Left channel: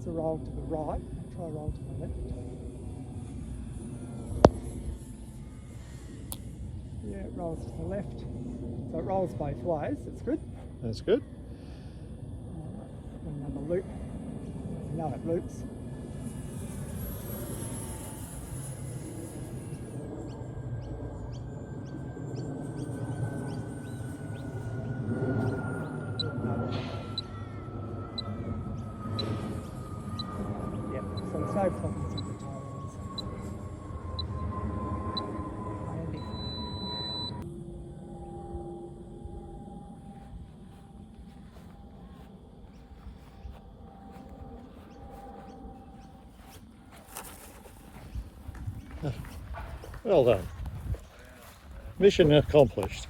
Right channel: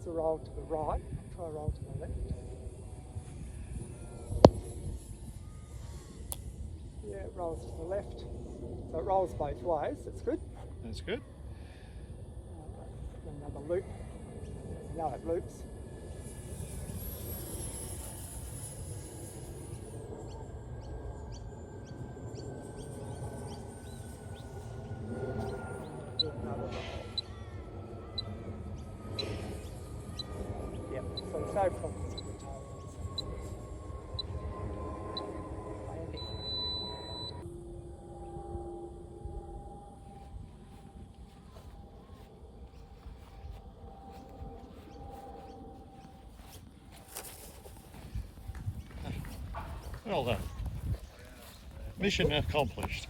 It's a roll to the right. Try a roll to the left. Yeah, it rolls to the left. So it rolls both ways. That's good. That's good. Another loop. Now it loops. Yeah, so it's no problems with the tail. Well done. Mission accomplished.